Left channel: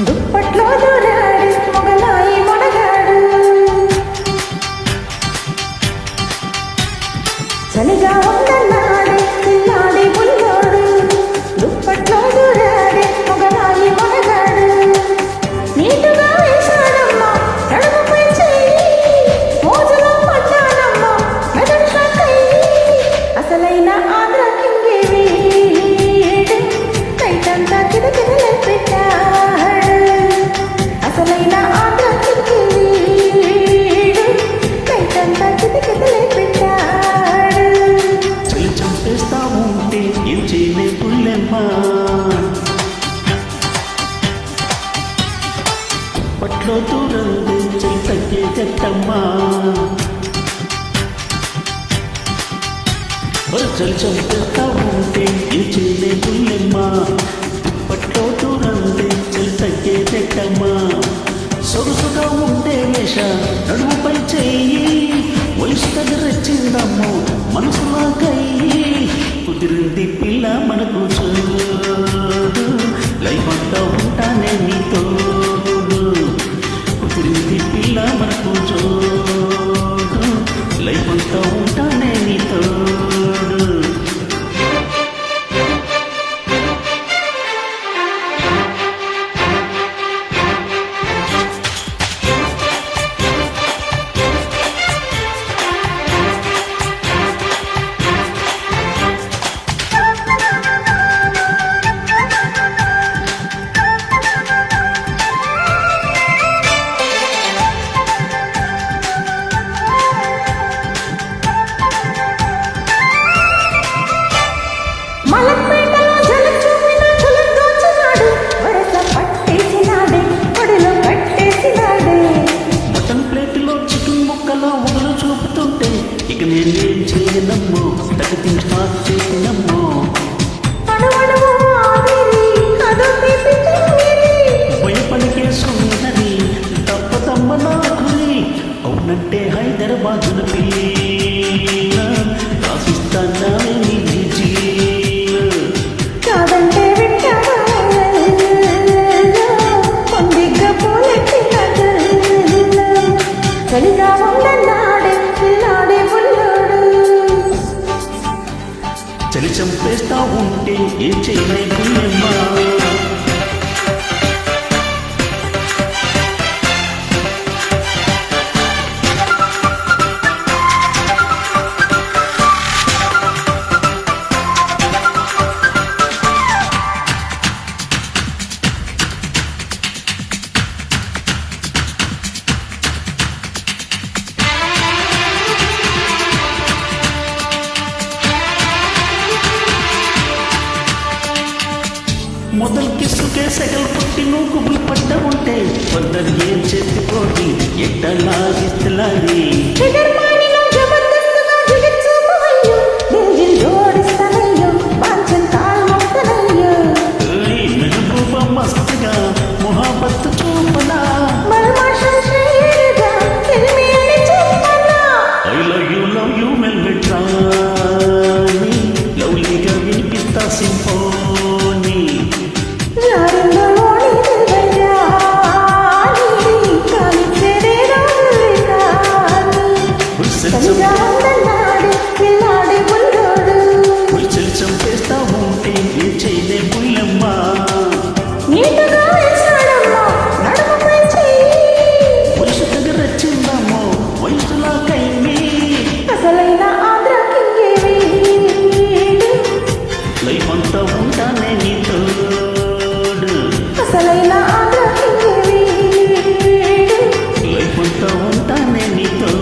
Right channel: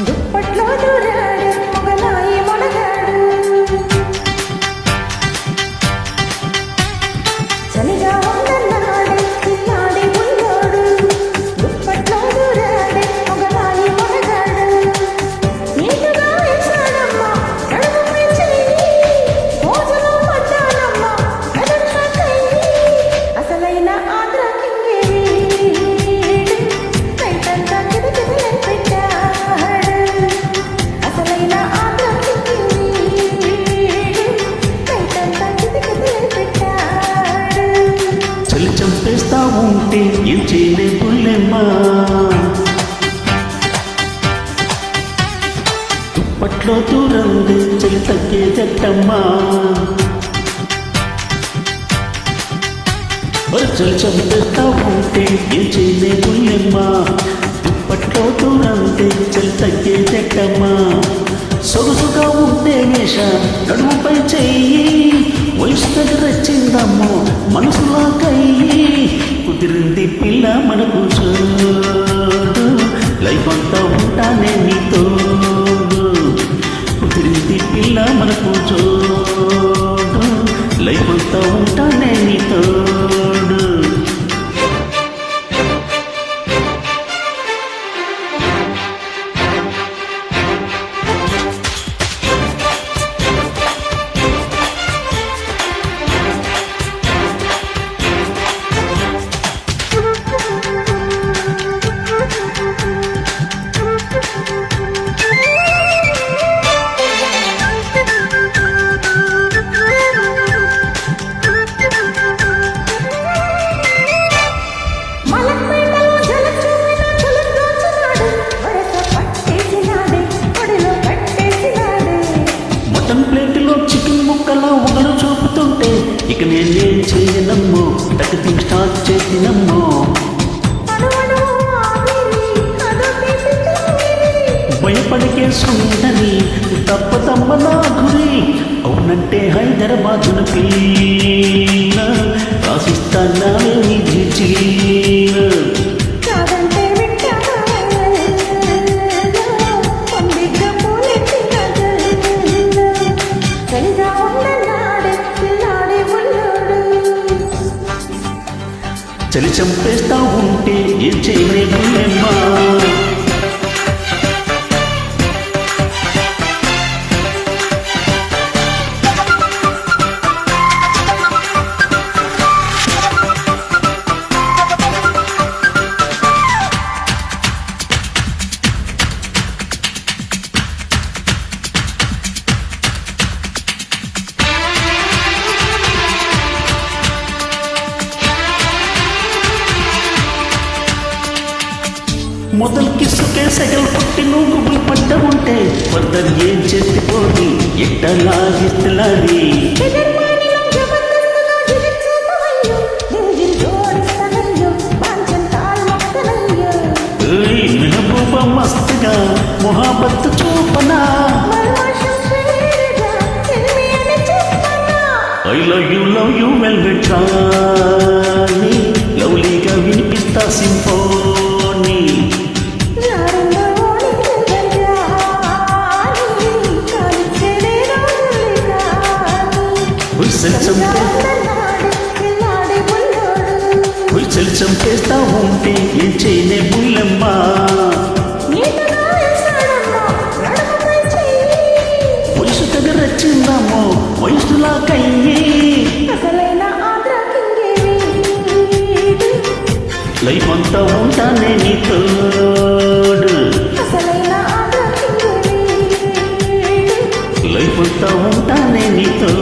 దుప్పట్లో దూరాడు మొగలాయి మొనగాడు చలిగా ఉందన్నాడే పిల్లాడి బుల్లోడు దుప్పట్లో దూరాడే మొగలాయి మొనగాడు నీటుగా వేశాడమ్మా నడుముపై చెయ్యి మోజులో పడ్డానమ్మా మెదడు షాకయ్యి అసలైన ఆంధ్ర కింగే వీడు నైటంతా కిదకిదలే పెట్టాడు అసలైన ఆంధ్ర కింగే వీడు నైటంతా కిదకిదలే పెట్టాడు చలి చంపేస్తా ఉంటే ఏం చేయలే పుల్లెమ్మా దుప్పట్లో దూరందే చలి తగ్గే జట్టమ్మా చలి చంపేస్తా ఉంటే ఏం చేయలే పుల్లెమ్మా దుప్పట్లో దూరందే చలి తగ్గే జట్టమ్మా సొగసుగా ఉంటే వేష నడుముపై చెయ్యి వయసు దగ్గర వచ్చిందమ్మో మనసులా కయ్యి కుదిరింది పిల్ల మనకు చూడు లైఫ్ అంతా ఉంటానే నీతోడు కుదిరింది పిల్ల మనకు చూడు లైఫ్ అంతా ఉంటానే నీతోడు మలక్పేటలో జల చూపిన కులం దోచినాడు వరస పట్టేసినాడే పొడిలో కట్టేసినాడే మటన్ ప్లేట్లో చికెన్ ముక్కలా ఒగలు చూపుతుంటే ఇక నేనేం చేయనమ్మో టకటింగ్ స్టార్ట్ చేసినమ్మో అణువణువు ఆవిరి అదో తీపి తిమ్మిరి భయపడికే సుందరి తప్పదమ్మ నా గురి అవునంటే హైదరాబాదున పిల్ల రాసిస్తానావే నీ జిజీల కాదంటే వింటావా పొందిగ్గా పూలెట్టిన జల్ల చలిగా ఉందన్నాడే పిల్లాడే బుల్లోడు చలి చంపేస్తా ఉంటే ఏం చేయలే పుల్లెమ్మా మొదలు కిస్సుకే సెగలు పుట్టి నువ్వు గుబులు పడ్డ ఉంటే ఫర్దర్ ఏం చేతిపోది ఎట్ట లాగిస్తలారి ఎదర్మానిలో జబర్దస్తుగా జిగచ్చుపవయ్యో దిల్ జోడిస్తానయ్యో బాంచన్ కాల్ మొక్తనయ్యో మెహబూబా మస్తుగా మొహాబత్తు చూపనా మల్మాషం షేరుగా సిల్మి అని చెప్పనా ఐ లవ్ యూ వెల్వెట్ రాణి లవ్లీగా వినిపిస్తా సింఫోనీ జారిందో ఓణి దిల్బజాని కానిచ్చేదే రోజుల్లి కాని చలిగా ఉందన్నాడు పిల్లాడి బుల్లోడు చలి చంపేస్తా ఉంటే ఏం చేయలే బుల్లెమ్మా నీటుగా వేశాడమ్మా నడుముపై చెయ్యి వయసు దగ్గర వచ్చిందమ్మో వయసులా కయ్యి అసలైన ఆంధ్ర కింగే వీడు లైఫ్ అంతా ఉంటానే నీతోడు అసలైన ఆంధ్ర కింగే వీడు లైఫ్ అంతా ఉంటానే నీతో